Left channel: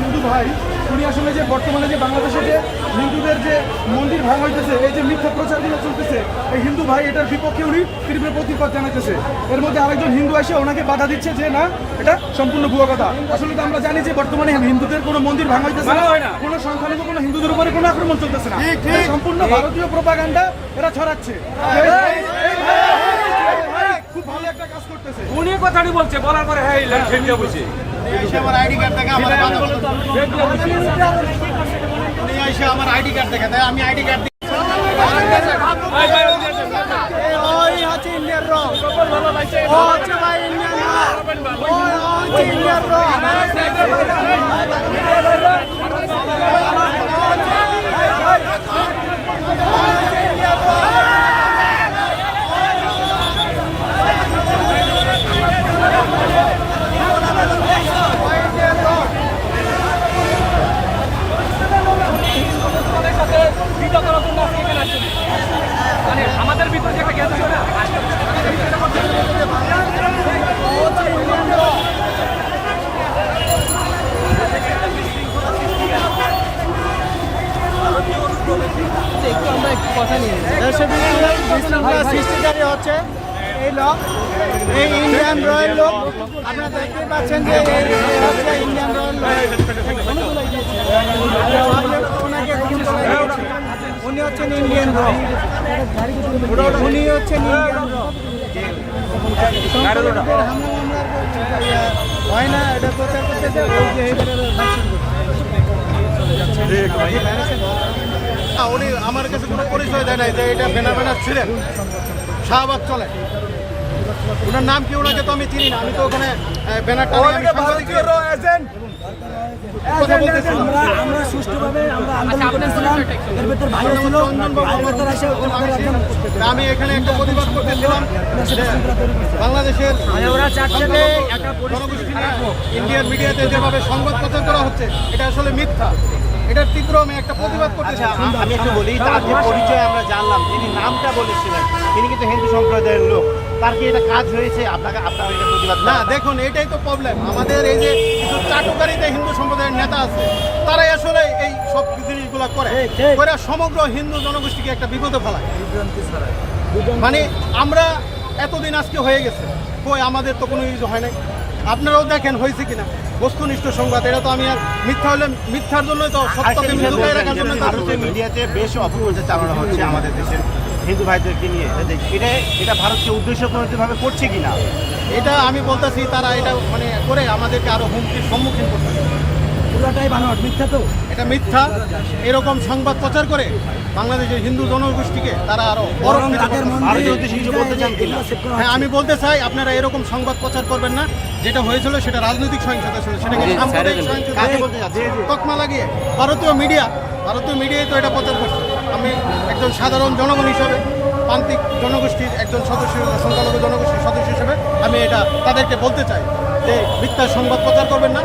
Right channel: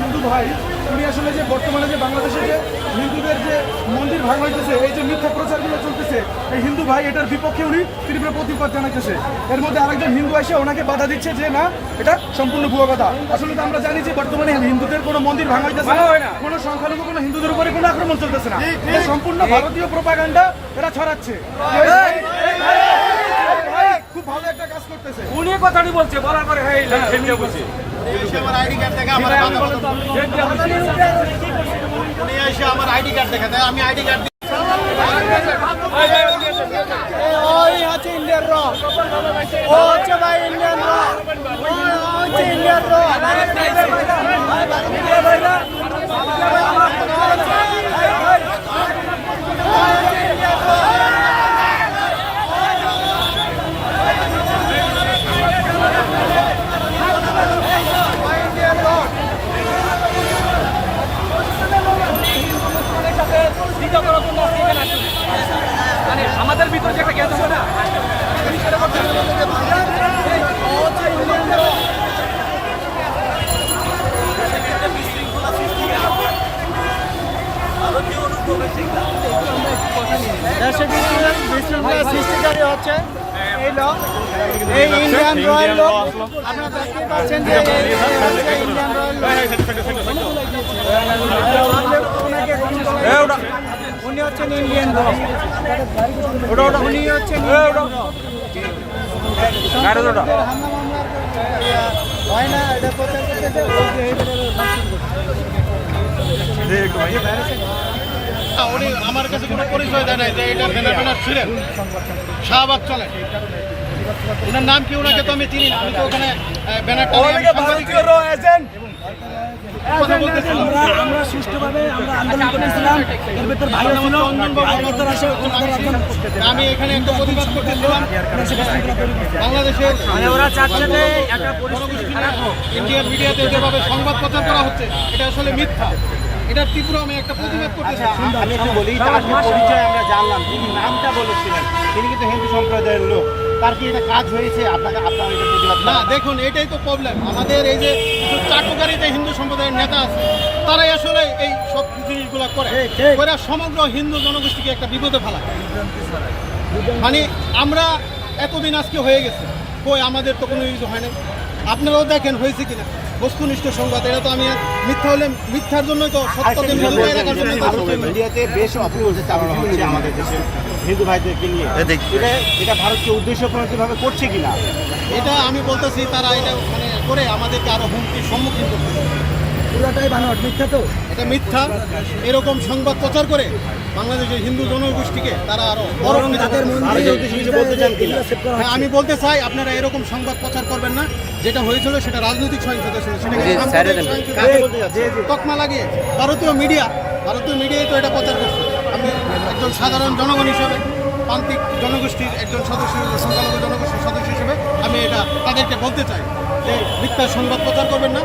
হিন্দু ভাই উনি আসলে যে বর্তমানে যে বাংলাদেশে যে হিন্দুদের যে মন্দির ভাঙা হইতেছে, এই যে মিথ্যা প্রচারগুলো চলতেছে, এই হিন্দু ভাই এটার বিপক্ষে উনি তীব্র প্রতিবাদ জানাইতেছে। এর মধ্যে আরেকজন হিন্দু এসে ওনাকে বাধা দিচ্ছে যে না, এটা সম্পূর্ণ ভুয়া কথা। আসলে তো আমরা জানি যে বর্তমানে হিন্দুদের কোনো মন্দির ভাঙা হইতেছে না, কোনো সংখ্যালঘু কোনো হিন্দুদের উপরে কোনো আক্রমণ চলতেছে না, এটা সম্পূর্ণ ভারতীয় প্রোপাগান্ডা এরা ছড়াচ্ছে। খুব ভালো একটা কাজ করতেছে উনি কথাটি বলছে, বলার পরে হ্যাঁ বলছি আমার আইডি কার্ড দেখে আমার উনি এসে আমার আইডি কার্ড দেখে দেয়, আমি আইডি কার্ড ওই হচ্ছে ইন্ডিয়ান র, ও হচ্ছে ভাই ইন্ডিয়ান র, ওই হচ্ছে ইন্ডিয়ান র। আমাদের ভিতরে যেটা জ্ঞান ছিল না সৃষ্টিকারী হচ্ছে এই লোক, এই ইন্ডিয়ান রয়্যাল লোক। আপনারা দেখতে পাচ্ছেন যে এই হচ্ছে ইন্ডিয়ান রয়্যাল লোক। ওনাকে উনি হচ্ছেন ইন্ডিয়ান র, উনি হচ্ছেন ইন্ডিয়ান র। সংখ্যালঘুদের হামলা মামলার হয় না, এটা প্রচার করতেছে ওই যে উনি আমার কাছে কোনো পরিচয় দেয় নাই যে এটা ব্যানার ছিলেন, শাহবাগ চলে। ওনার নাম কি, ওনাকে তো আমি চিনি না। আমি তো ওখানে ব্যানারটা আমরা সুষ্ঠুভাবে আমরা আন্দোলন করেছিলাম, এর ভিতর ভালো ছিল। আমি এখানে একটা প্রতিবাদ করতেছিলাম বাংলাদেশের, মানে ওরা চাচ্ছে যে একটা পরিস্থিতি খারাপ হোক। ইন্ডিয়ান মিডিয়াতে যেভাবে সংবাদ প্রচার করা হচ্ছে এটা আসলে মিথ্যা। এটার তীব্র আমি একটা প্রতিবাদ করতেছি। আমি একটু বলি, তার যে পরিচয় আমরা জানলাম, তিনি নামটা বলেছিলেন, তিনি কিন্তু হিন্দু সম্প্রদায়ের লোক। তার কি এটা কাজ হয়েছে? আপনার এটা প্রতিবাদ না, দেখুন এটাই তো প্রবলেম। আমাদের এই যে কিছু চাটুকারিতে হিন্দু সম্প্রদায়ের নেতা আছে, তারাই আসলে এই সব জিনিসগুলো করে সমগ্র হিন্দু জনগোষ্ঠীকে একটা বিপদে ফেলায়। মানে আমরা এতদিন আজকে হয়ে গেছে, কই আমাদের তো কোনো ইস্যু হয় নাই। আপনারাও দেখেন হয়েছে কিনা বস্তুনিষ্ঠ সংবাদ। এটা তো আমি মিথ্যা হলে মিথ্যার জন্যই তো সত্যকে মিথ্যায় রাখার জন্য ভারতীয় মিডিয়াতে বেশ অপপ্রচার চালানো হচ্ছে আমাদের দেশের হিন্দু ভাইদেরকে নিয়ে। এটা ভারতকে উদ্দেশ্য প্রণোদিতভাবে করছে কিনা, এটা আমি বলতেছি তারা এটা মানে করে আমাদেরকে আরো হুমকির সম্মুখীন করতেছে। পুরোটাই বানোয়াট, মিথ্যা তো, এটা মিথ্যা। এরকম সংবাদ প্রচার করে বাংলাদেশের হিন্দু জনগোষ্ঠীকে তারা আরো বড় বলতে চান কিনা? হ্যাঁ, আমি বলতে চাই আপনারা এরকম সংবাদ প্রচার করবেন না। যেটা হয়েছিল সেটা রাজনৈতিক সহিংসতা ছিল, তকমা লাগিয়ে ভারতীয় মিডিয়ায় তো এটা প্রচার করছে। আমি একজন সাধারণ জনগণ হিসেবে, প্রান্তিক জনগোষ্ঠীর একজন সদস্য, সংখ্যালঘু জনগোষ্ঠীর সদস্য হিসেবে আমি এটা তাদেরকে বলতে চাই যে মিথ্যা সংবাদ প্রচার করবেন না।